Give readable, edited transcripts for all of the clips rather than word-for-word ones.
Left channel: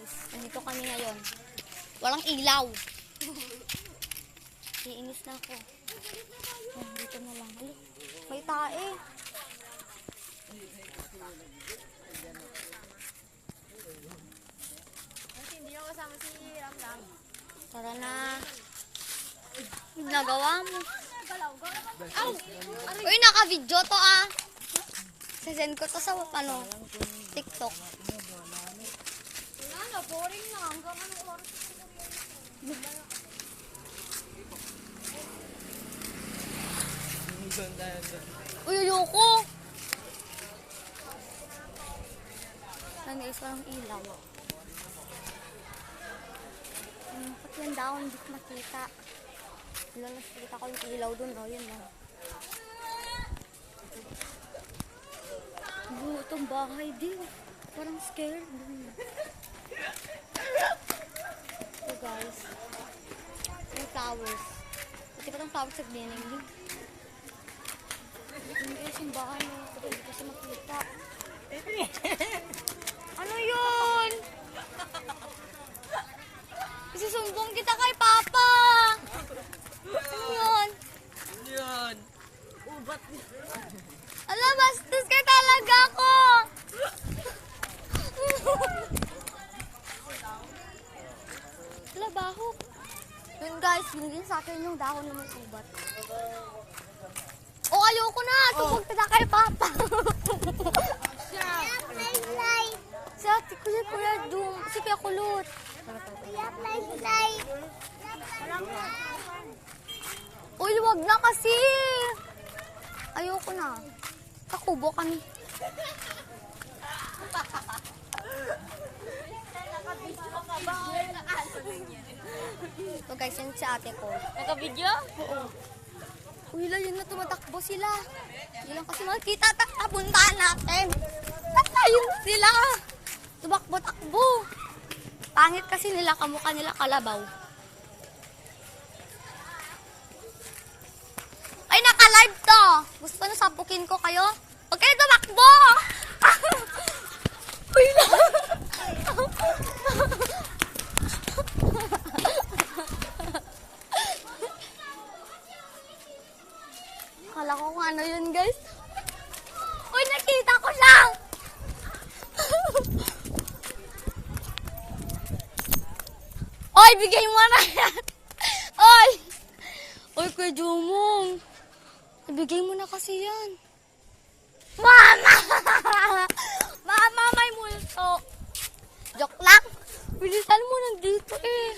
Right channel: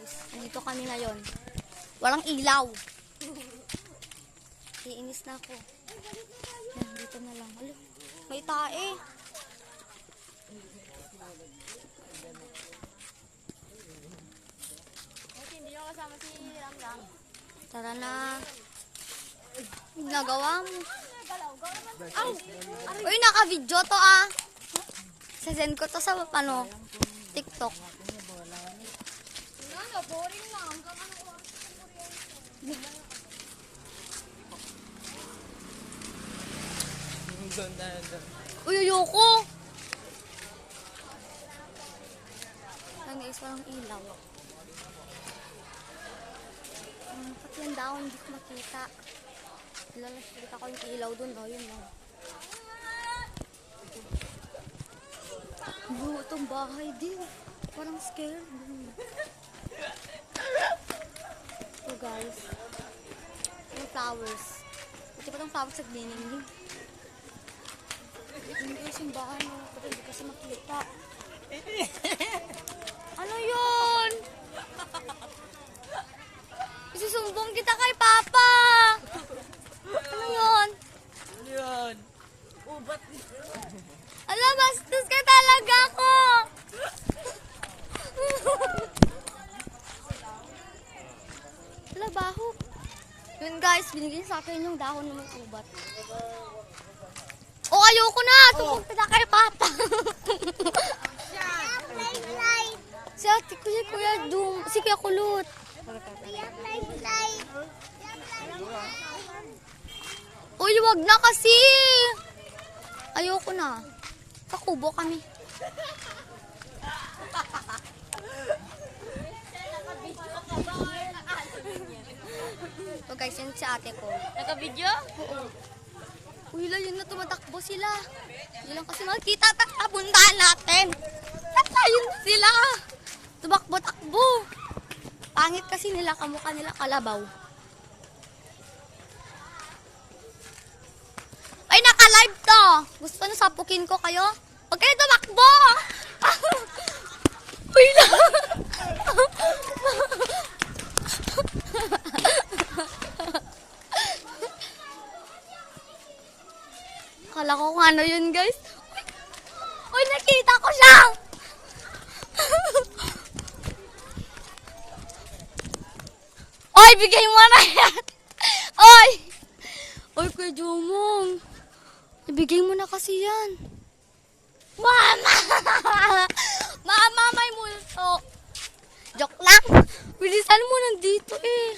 guys, nandito kami ngayon. Walang ilaw. Iinis na ako. Nandito na lang. Alo, may tae. Hindi ako kasama si Ramlang. Tara na. Nagawa mo. Ay, uy, naka-video to ah. Sasend ko to sa ano, TikTok. Ano, boring na. Hanggang anong oras sa kuryente? Uy, ayoko. Ano guys, walang ilaw. Pati yung daon, hindi ko makita. Nakita ko yung ilaw dun, oh, yun oh. Buo itong bahay din. Parang scared. So guys, yung flowers. Pati pa itong flowers sa glinning. Yung guys, yung bahay mo. Pero hindi kasi makita. Ano yun? Isusumbong kita kay Papa. Ano yun? Ano yun? Ubat niya. Alam, bastos ka talaga ako. Ala, baho. Yun guys, binigyan sa akin yung dahon ng ubat. Oh, ayoko na. Tupag kita kay Papa. Si ate, kuya, si Kuya Kulot. Uy, wag na kasi. Ayoko na. Pakubo kami. So guys, yun si ate ko. Naka-video? Oo. Uy, yun na tumatakbo sila. Hindi lang kasi makita, puntahan natin. Ayun sila. Tumakbo-takbo. Pangit kasi nila, kamukha nila kalabaw. Ay, naka-live to. Gusto nyo sapukin ko kayo? Huwag kayo tumakbo! Uy lang! Akala ko kung ano yun, guys. Uy, nakita ko siya! Oy, bigay mo na yan! Oy! Oy, Kuya Jumong. Ibigay mo na kasi yan. Mama! Mama, may multo. Joke lang. Bilisan mo nandito eh.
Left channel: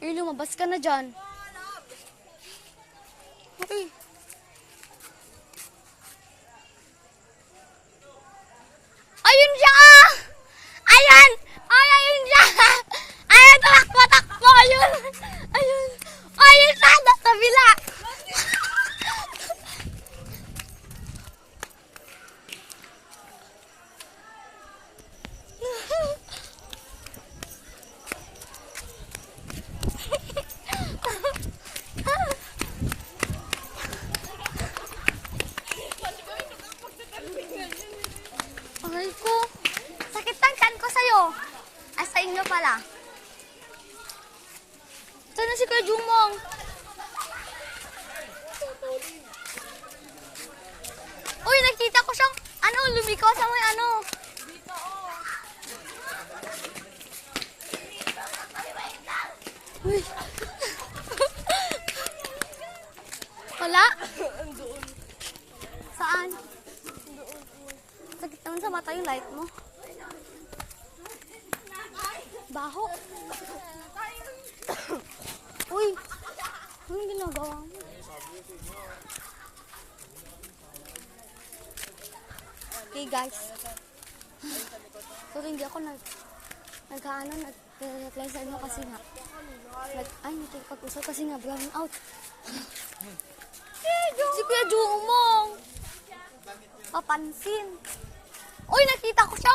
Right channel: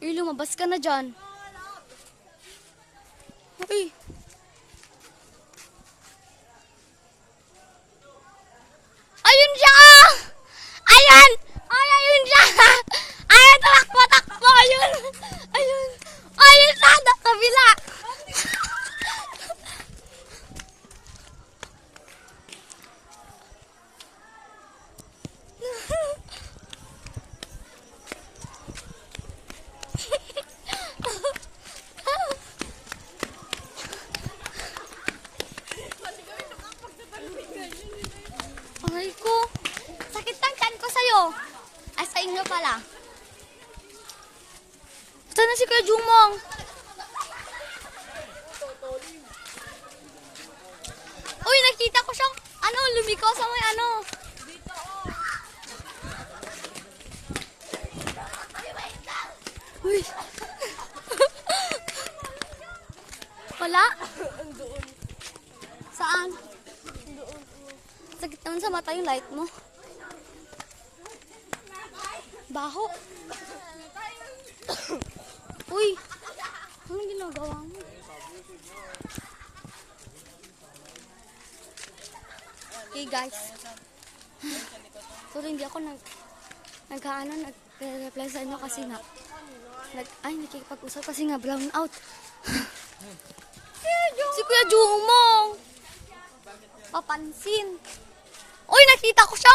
Uy, lumabas ka na dyan. Okay. Ayun siya! Ayun! Ay, ayun siya! Ayun, takbo! Ayun! Ayun! Ayun sana! Kabila! Aray ko! Sakit ng tiyan ko sa'yo! Ay, sa inyo pala. Saan na si Kuya Jumong? Uy, nakita ko siyang, lumiko sa may Uy. Wala? Saan? Sakit naman sa mata yung light mo. Baho. Uy, anong ginagawa mo? Okay guys. Sorry, hindi ako nag-reply sa inyo kasi nga nakikipag-usap kasi nga brown out. Si Kuya Jumong. Papansin. Uy, nakita ko siya.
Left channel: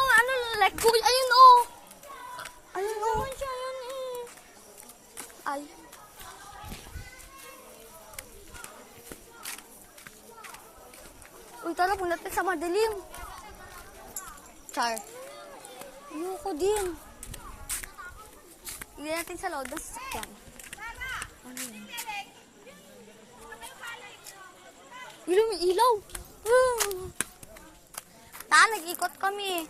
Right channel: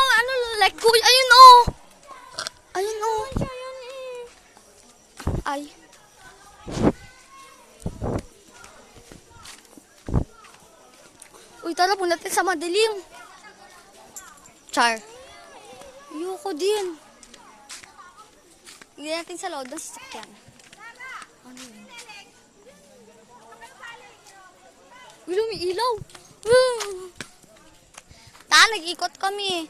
Like, kuya, ayun oh. Ayun oh. Ay. Uy, tara po natin sa madilim. Char. Ayoko. Ayoko din. Hindi natin sa loob ng sasakyan. Ano yun? Wala, may ilaw. Nag-ikot kami.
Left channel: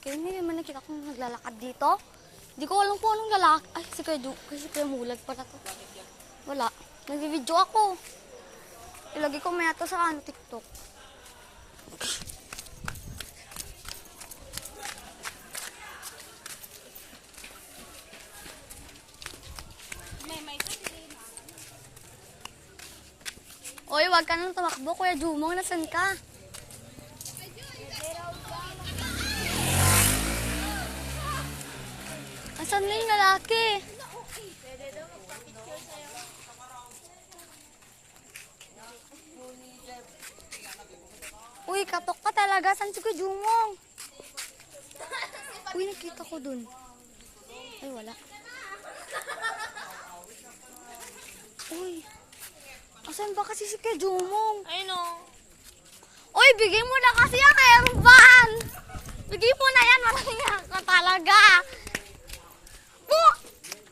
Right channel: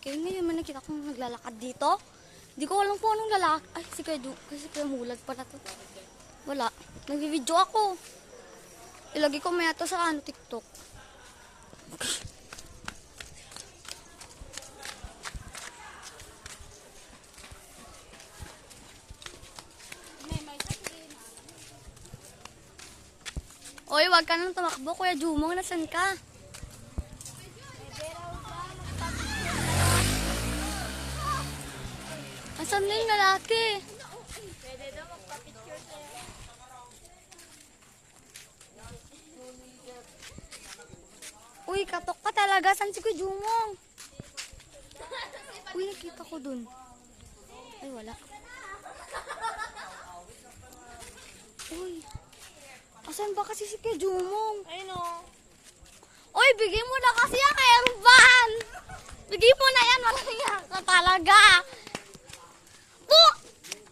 Kaya ngayon man nakita kong naglalakad dito. Hindi ko alam po anong lalaki. Ay, kasi kaya mulag pa na to. Wala. Nag-video ako. Ilagay ko maya to sa TikTok. Oy, wag ka nang tumakbo, Kuya Jumong. Nasaan ka? Asan na yung lalaki? Uy, katok ka talaga. Saan si Kuya Jumong? Uy, nakita ko dun. Ay, wala. Uy. Asan ba kasi si Kuya Jumong? Ayun o. Uy, bigay mo na kasi yan kay Ruban. Bigay mo na yan. Maraming ka talaga. Po!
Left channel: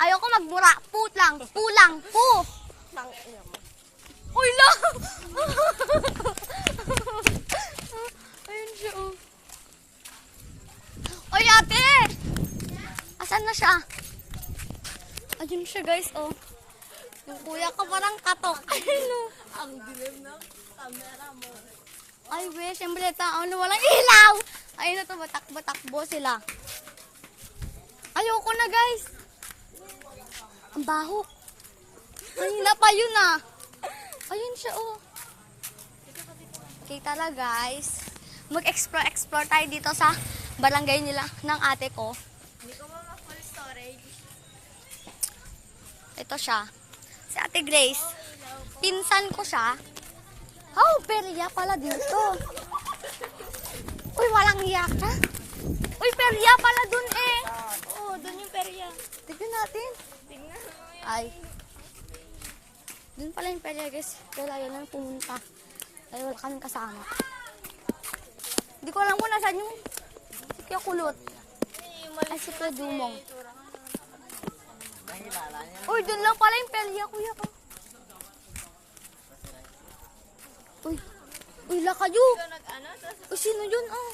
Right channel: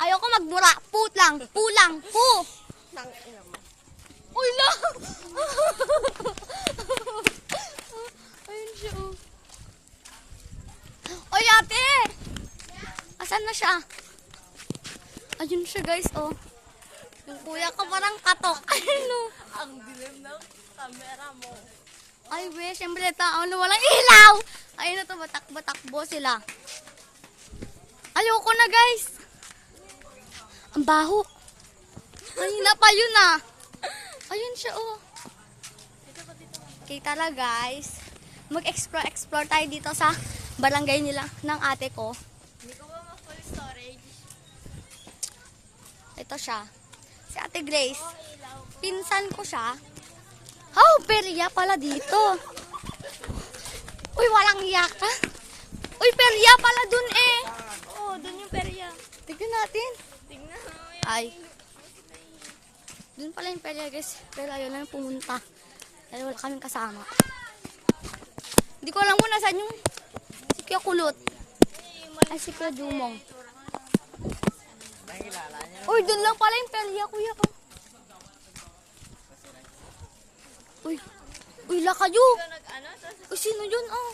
Ayoko magmura. Put lang. Pu lang. Pu! Uy, lang! Ayun siya, oh. Uy, ate! Asan na siya? Ayun siya, guys, oh. Yung kuya ko parang katok. Ayun, oh. Ang dilim ng camera mo. Ay, we, siyempre tao na walang ilaw. Ayun na to, batak-batakbo sila. Ayoko na, guys. Ang baho. Ayun na pa yun, ah. Ayun siya, oh. Okay, tara, guys. Mag-explore tayo dito sa barangay nila ng ate ko. Hindi ko ba ma-full storage? Ito siya. Si Ate Grace. Pinsan ko siya. Oh, perya pala dito. Uy, walang iya ka. Uy, perya pala dun eh. Oo, dun yung perya. Tignan natin. Tingnan mo yan. Ay. Dun pala yung perya, guys. Pero ayun lang pumunta. Ay, wala kaming kasama. Hindi ko alam muna saan yung si Kuya Kulot. Ay, si Kuya Dumong. Uy, dun lang pala yung perya, kuya ko. Uy, uy, la kayo. Ikaw nag-ano? Tapos Uy, sino yun, ah?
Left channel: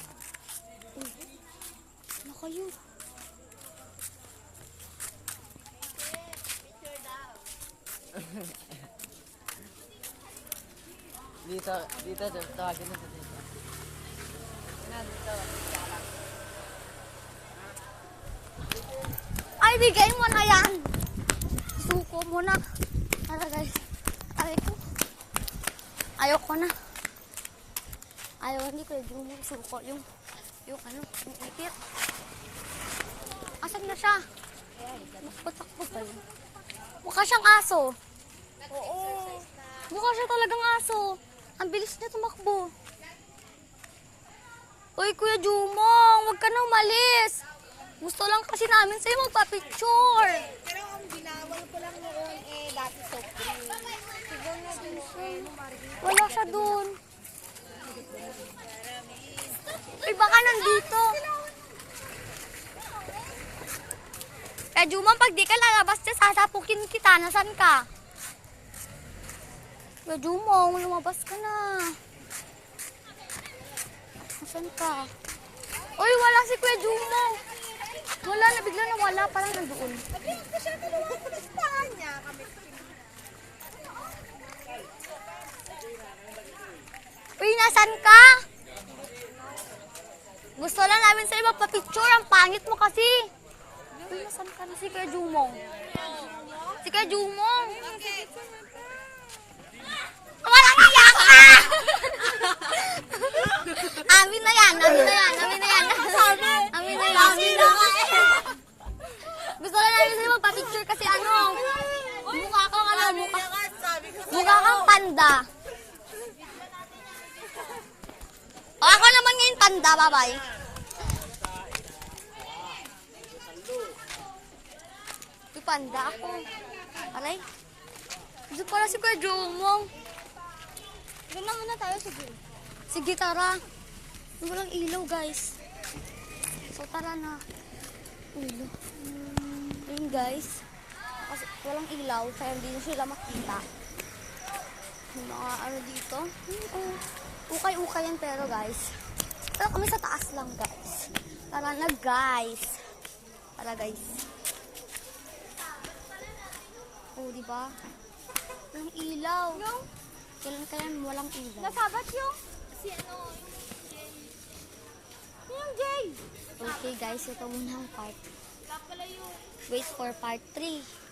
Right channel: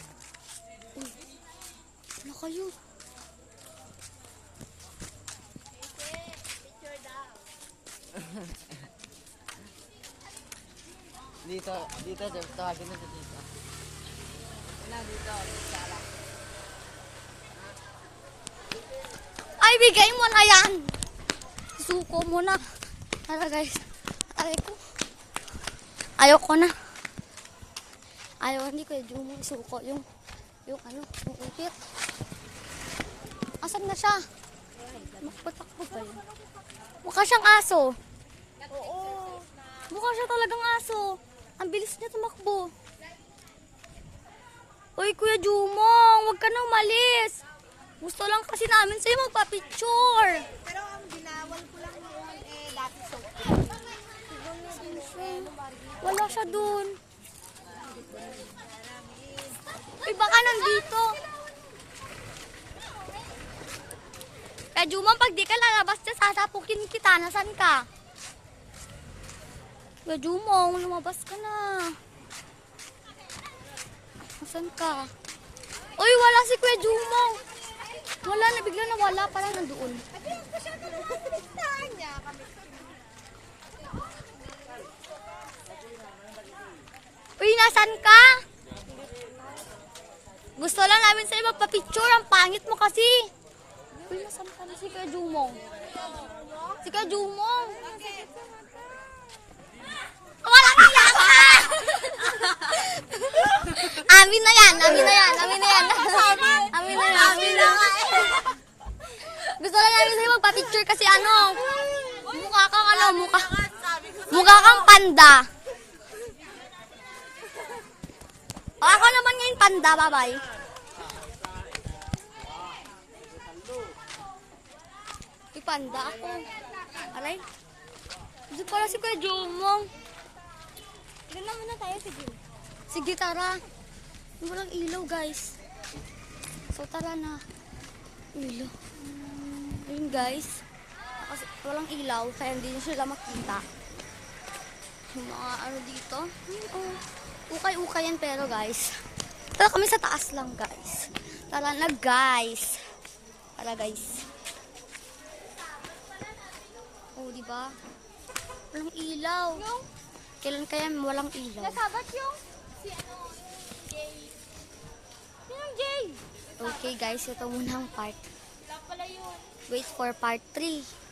Uy, la kayo. picture daw. Dito, tawagin na dito. Ay, bigay mo na yan. Suko mo na. Tara, guys. Aray ko. Ayoko na. Ayaw, hindi kayo yung suko. Yung ipit. Asan na siya? Nakpatakbo pa yun. Mukha siyang aso. Oo. Mukha siya talagang aso. Ang bilis niya tumakbo. Uy, Kuya Jumong, huwag ka nang umalis. Gusto lang kasi namin sa'yo magpa-picture. Pero ang ginawal ko lang noon dati soap. Siguro na din Wala siya dun. Uy, baka nandito. Kaya Jumong, pag di ka lalabas niya, sasapukin kita. Nasaan ka? Kaya Jumong, lumabas ka na. Nasaan ka? Uy, wala si Kuya Jumong. Wala na, bigla na wala. Parang nandoon. Listahan niya kami. Uy, nasan ka? Gusto lang namin sa'yo magpa-picture. Ang pangit mo kasi. Uy, nasan ka na si Kuya Jumong? Si Kuya Jumong. Walang iyak ka! Amin na yan. Amin na yan. Amin na yan. Amin na yan. Amin na nga eh. Gusto lang namin sa'yo magpa-picture kasi ano, mukha kang ano, mukha kang panda. O, ako naman ngayon panda, bye-bye. Di panda ako. Aray. Dito pala si Kuya Jumong. Tignan muna tayo, sige. Sige, tara. Walang ilaw, guys. So, tara na. Ilaw. Ayun, guys. Kasi walang ilaw, kaya hindi nyo sila makita. Yung mga ano dito. Ukay-ukay yan, pero guys. Tara kami sa taas lang, guys. Tara na, guys. Tara, guys. Oh, di ba? Walang ilaw. Kailan kaya walang ilaw? Nasabat yung si ano, Jay. Yung Jay. Okay, guys. Ito muna ang part. Wala pala yun. Wait for part 3.